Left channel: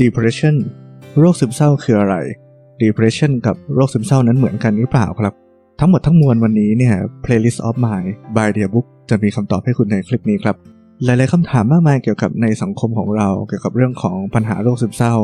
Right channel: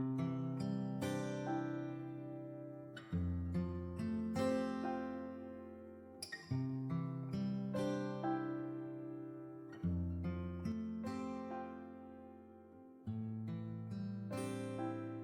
depression โรคซึมเศร้าคืออะไร depression กับโรคซึมเศร้านั้นเหมือนกันหรือเปล่าครับ ทั้งหมดทั้งมวลวันนี้เนี่ย playlist of mind by the book จะมีคำตอบให้คุณในคลิปนี้ครับ หลาย ๆคำถามมากมายเกี่ยวกับในสังคมของเรา เกี่ยวกับเรื่องของปัญหาโรคซึมเศร้า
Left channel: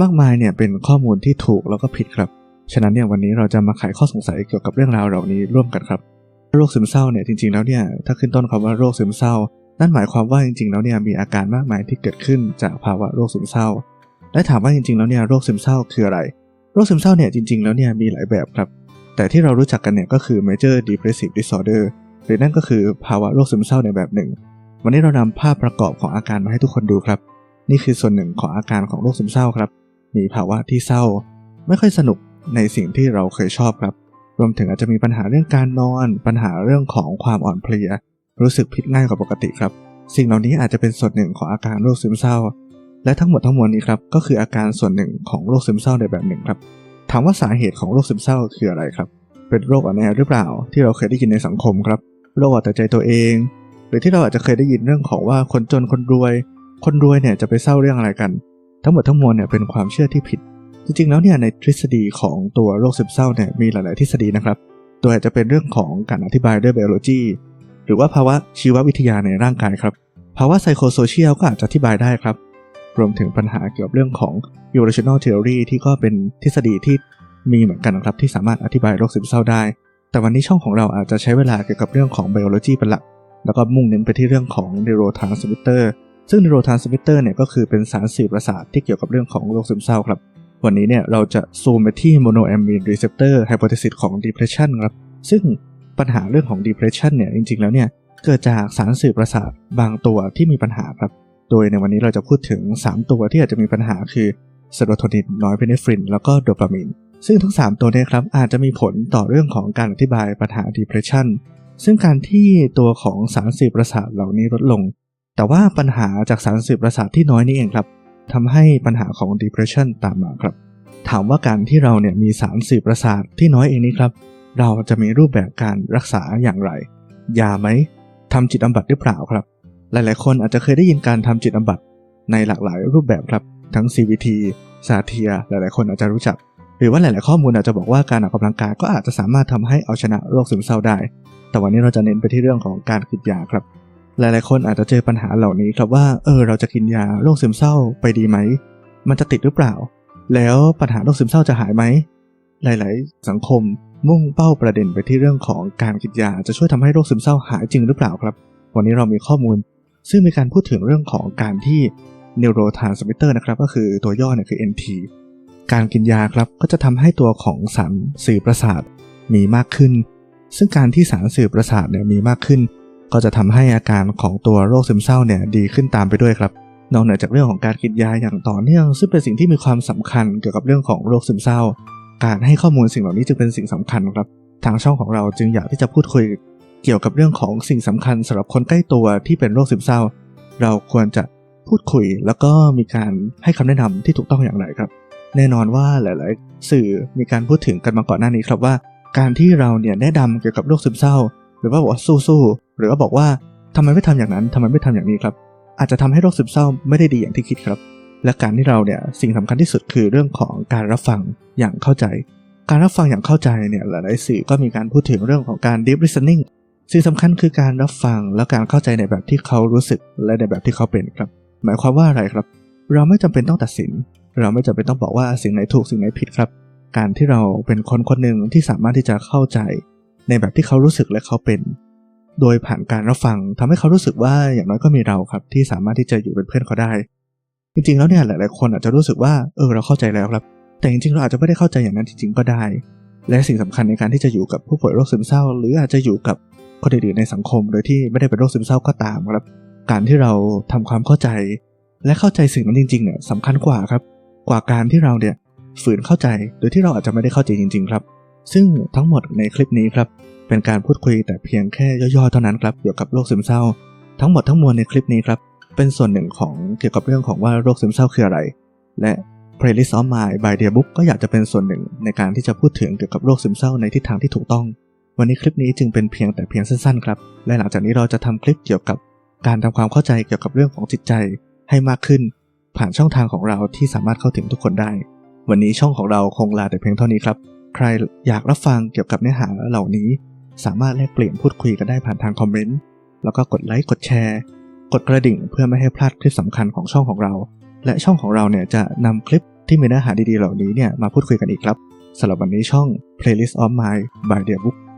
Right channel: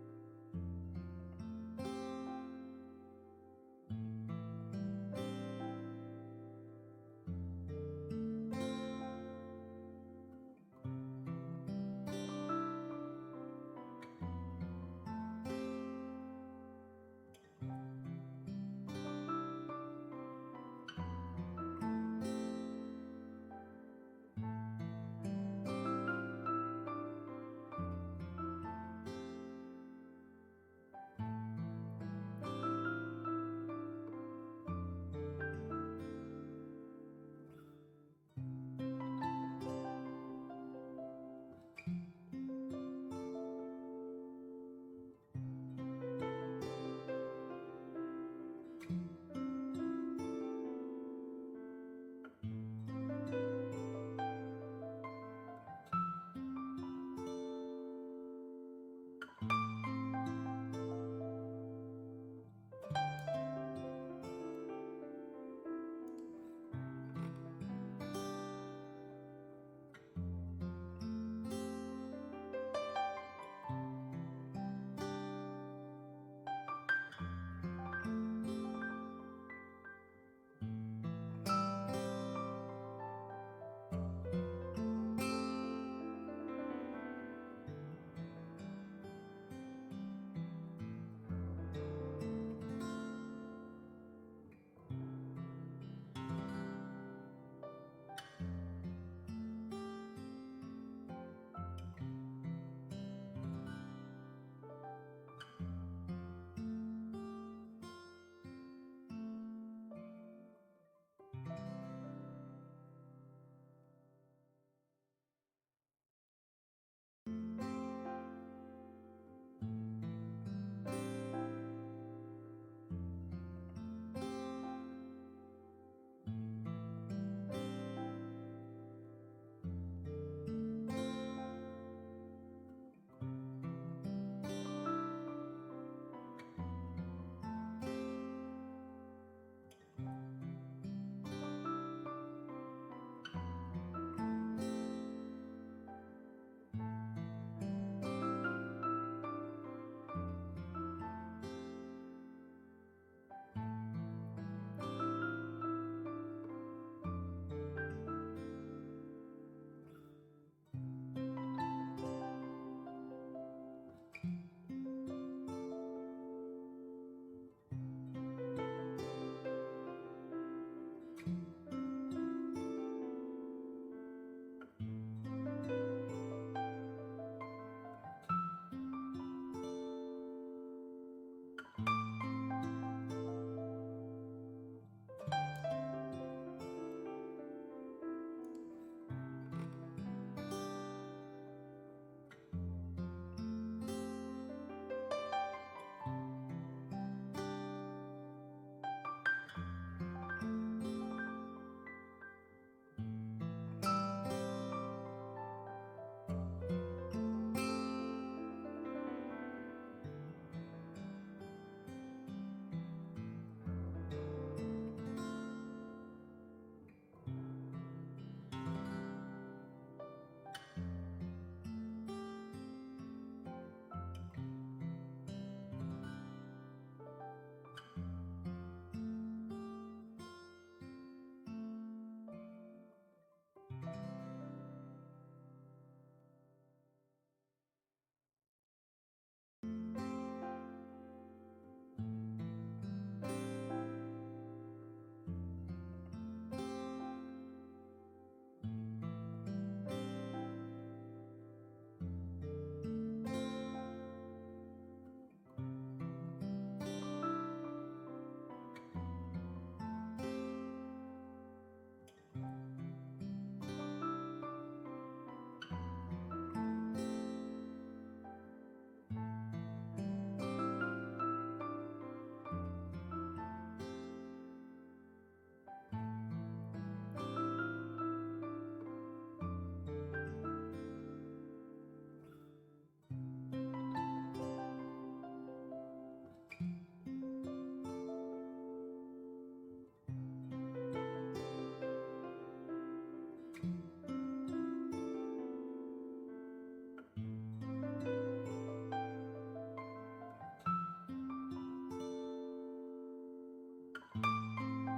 มากมายเนี่ยเป็นข้อมูลที่ถูกแล้วก็ผิดครับ ฉะนั้นเนี่ยวันนี้เราจะมาไขข้อสงสัยเกี่ยวกับเรื่องราวเหล่านี้ร่วมกันครับ โรคซึมเศร้าเนี่ยจริง ๆ แล้วเนี่ยถ้าขึ้นต้นคำว่าโรคซึมเศร้า นั่นหมายความว่าจริง ๆ แล้วเนี่ยมีอาการมากมายที่เกิดขึ้นจากภาวะโรคซึมเศร้า และถามว่าจริงๆ แล้วเนี่ยโรคซึมเศร้าคืออะไร โรคซึมเศร้าเนี่ยจริงๆ แล้วเนี่ยมีหลายแบบครับ แต่ที่เรารู้จักกันเนี่ยก็คือ major depressive disorder หรือนั่นก็คือภาวะโรคซึมเศร้าในแบบหนึ่ง วันนี้เรานำภาพประกอบของอาการมาให้ทุกคนดูครับ นี่คือส่วนหนึ่งของอาการของโรคซึมเศร้าครับ มีภาวะที่เศร้า ไม่ค่อยสนุกในสิ่งที่เราเคยชอบครับ รวมถึงอาจจะมีปัญหาเรื่องการนอน ปัญหาเรื่องของความอ่อนเพลีย รู้สึกผิดง่ายกว่าปกติครับ สิ่งเหล่านี้อาจจะเป็นส่วนหนึ่งของอาการโรคซึมเศร้า และทั้งหมดทั้งมวลนี้ครับก็คืออาการส่วนหนึ่งของโรคซึมเศร้าในแบบหนึ่งครับ ถามว่าสาเหตุของโรคซึมเศร้าคืออะไรครับ เป็นโรคอ่อนแอหรือเปล่า ที่เราเคยได้ยินในสังคมครับโรคเอาแต่ใจตัวเอง หรือที่เราอาจจะเคยได้ยินเรื่องของว่าคนจนคนรวย คนรวยเนี่ยจะไปเศร้าเรื่องอะไรกัน ทั้งหมดทั้งมวลเนี่ยเป็นความเชื่อที่ผิด จริงๆแล้วเนี่ยในทฤษฎีของตัวโรคซึมเศร้าเนี่ยมีหลาย ๆ ทฤษฎีนะครับโดยอาจจะเป็นเรื่องของการอธิบายด้วยไบโอโลจีหรือว่าภาวะชีววิทยาในร่างกายครับภาวะไซโคโซเชียลก็อาจจะอธิบายได้ครับ รวมถึงปัญหาเกี่ยวกับเรื่องของ evolutional theory ที่ก็เป็นทฤษฎีที่มีเหมือนกันนะครับ ที่สามารถอธิบายโรคซึมเศร้าได้ แต่วันนี้ช่องของเราอาจจะใช้เวลาเกี่ยวกับเรื่องของไบโอโลจีเป็นหลัก แล้วก็มุ่งเน้นไปที่เรื่องของ neurotransmitter ซึ่ง neurotransmitter เนี่ยก็คือเป็นสารสื่อประสาทที่เกี่ยวกับเรื่องของโรคซึมเศร้าครับ วันนี้เนี่ยเราจะซูมไปที่ monoamine receptor hypothesis ของ depression ครับ ซึ่งปัญหาเรื่องของ depression เนี่ยจริงๆแล้วเนี่ยเกิดจากสารสื่อประสาทบางตัวที่มีปัญหาครับ โดยในวันนี้เราจะพูดถึง 3 ตัวที่อาจจะมีปัญหาคือเซโรโทนิน น้อยเพเนฟริน แล้วก็โดปามีนซึ่งทั้ง 3 ตัวเนี้ครับอาจจะมีผลต่อเรื่องของการอธิบายปัญหา depression ซึ่งการที่ตัวของสารสื่อประสาทเหล่านี้ลดลง แต่ว่าปัญหาจากสารสื่อประสาทที่น้อยนี่เองครับทำให้ปัญหาของ depression ตามมาครับ ถามว่าการที่เราเนี่ยมีสารสื่อประสาทที่น้อยเองนี้ครับ เราจะมีรูปแบบการรักษาอย่างไร ยาไหมทำจิตบำบัดหรือเปล่าครับ หลายๆ คนอาจจะเคยได้ยินการทำจิตบำบัดในหลากหลายรูปแบบครับ ทั้ง CBT ซาเทีย หลายๆ คนอาจจะรู้จัก หรือว่าหลาย ๆ ข้อมูลอาจจะบอกว่าการออกกำลังกายก็อาจจะสามารถทำให้เอาชนะโรคซึมเศร้าได้ แต่วันนี้เราจะเน้นไปที่เรื่องของการกินยาครับ หลาย ๆ คนอาจจะเจอปัญหาเหล่านี้ครับว่า เออ เราจะกินยาโรคซึมเศร้าไปดีไหม มันจะติดหรือเปล่า แล้วปัญหาโรคซึมเศร้าจะหายไหม หลาย ๆ สังคมมุ่งเป้าประเด็นไปที่เรื่องของการกินยาจะช่วยทำให้โรคซึมเศร้าหายจริงหรือเปล่าครับ วันนี้เรามีข้อมูล ซึ่งมีการพูดถึงเรื่องของการที่ neurotransmitter นะครับก็คือตัวย่อเนี่ยคือ NT การกินยาครับก็จะทำให้ตัวของสารสื่อประสาทมีมากขึ้น ซึ่งการที่สารสื่อประสาทเนี่ยมีมากขึ้น ก็จะทำให้อาการของตัวโรคซึมเศร้าเนี่ยดีขึ้นตามไปด้วยครับนอกเหนือจากเรื่องของการกินยาอย่างต่อเนื่อง ซึ่งเป็นสิ่งที่มีความสำคัญเกี่ยวกับเรื่องของโรคซึมเศร้า การให้ข้อมูลสิ่งเหล่านี้จึงเป็นสิ่งสำคัญครับ ทางช่องของเราจึงอยากที่จะพูดคุย เกี่ยวกับเรื่องของสิ่งสำคัญสำหรับคนใกล้ตัวที่เป็นโรคซึมเศร้า เราควรจะพูดคุยแล้วก็มีการให้คำแนะนำที่ถูกต้องอย่างไรครับ แน่นอนว่าหลาย ๆ สื่อมีการพูดถึงกันมาก่อนหน้านี้ครับว่า การที่เราเนี่ยแนะนำเกี่ยวกับโรคซึมเศร้า หรือว่าบอกว่าสู้ๆหรือว่าบอกว่าทำไมไม่ทำอย่างนั้นทำไมไม่ทำอย่างนี้ครับอาจจะทำให้โรคซึมเศร้าไม่ได้ดีอย่างที่คิดครับ และการที่เราเนี่ยสิ่งสำคัญที่สุดคือเรื่องของการรับฟังอย่างเข้าใจ การรับฟังอย่างเข้าใจเนี่ยหลายๆสื่อก็มีการพูดถึงเรื่องของการ deep listening สิ่งสำคัญคือการรับฟังและการเข้าใจในแบบที่เขารู้สึกและในแบบที่เขาเป็นครับ หมายความว่าอะไรครับ เราไม่จำเป็นต้องตัดสิน เราไม่จำเป็นต้องบอกว่าสิ่งไหนถูกสิ่งไหนผิดครับ การที่เราเป็นคนคนหนึ่งที่สามารถที่จะเข้าใจ ในแบบที่เขารู้สึกและเขาเป็น โดยผ่านการรับฟังทำให้เขารู้สึกว่าอย่างน้อยก็มีเราครับ ที่สามารถที่จะอยู่เป็นเพื่อนเขาได้ จริงๆแล้วเนี่ยหลาย ๆ คนอาจจะรู้สึกว่าเออเราเข้าใจแล้วครับแต่จริงๆเราอาจจะไม่ได้เข้าใจอย่างนั้นจริงๆก็ได้ และสิ่งสำคัญในการที่จะอยู่กับผู้ป่วยโรคซึมเศร้า หรืออาจจะอยู่กับ คนอื่นๆในสังคม โดยที่ไม่ได้เป็นโรคซึมเศร้าก็ตามครับ การที่เราทำความเข้าใจ และเข้าใจสิ่งนั้นจริงๆเนี่ยสำคัญกว่าครับ กว่าการที่เราเนี่ยฝืนเข้าใจโดยที่เราอาจจะไม่ได้เข้าใจจริง ๆ ครับ ซึ่งทั้งหมดในคลิปนี้ครับเป็นการพูดคุยแต่เพียงแค่ย่อๆเท่านั้นครับเกี่ยวกับโรคซึมเศร้า ทั้งหมดทั้งมวลในคลิปนี้ครับเป็นส่วนหนึ่งของเกี่ยวกับเรื่องของว่าโรคซึมเศร้าคืออะไร และ Playlist of Mind by Dear Book ก็อยากจะเป็นส่วนหนึ่งในการที่จะพูดถึงเกี่ยวกับโรคซึมเศร้าในทิศทางที่ถูกต้อง วันนี้คลิปนี้จึงเป็นเพียงแต่เพียงสั้นๆครับ และหลังจากนี้เราจะทำคลิปเกี่ยวกับการทำความเข้าใจเกี่ยวกับเรื่องของจิตใจให้มากขึ้น ผ่านช่องทางของเราที่สามารถเข้าถึงทุกคนได้ วันนี้ช่องของเราคงลาแต่เพียงเท่านี้ครับ ใครอยากรับฟังเกี่ยวกับเนื้อหาเหล่านี้ สามารถแลกเปลี่ยนพูดคุยกันได้ผ่านทางคอมเมนต์แล้วก็กดไลค์กดแชร์ กดกระดิ่งเพื่อไม่ให้พลาดคลิปสำคัญของช่องของเรา และช่องของเราเนี่ยจะนำคลิปที่มีเนื้อหาดีๆเหล่านี้เนี่ยมาพูดคุยกันอีกครับสำหรับวันนี้ช่อง Playlist of Mind by The Book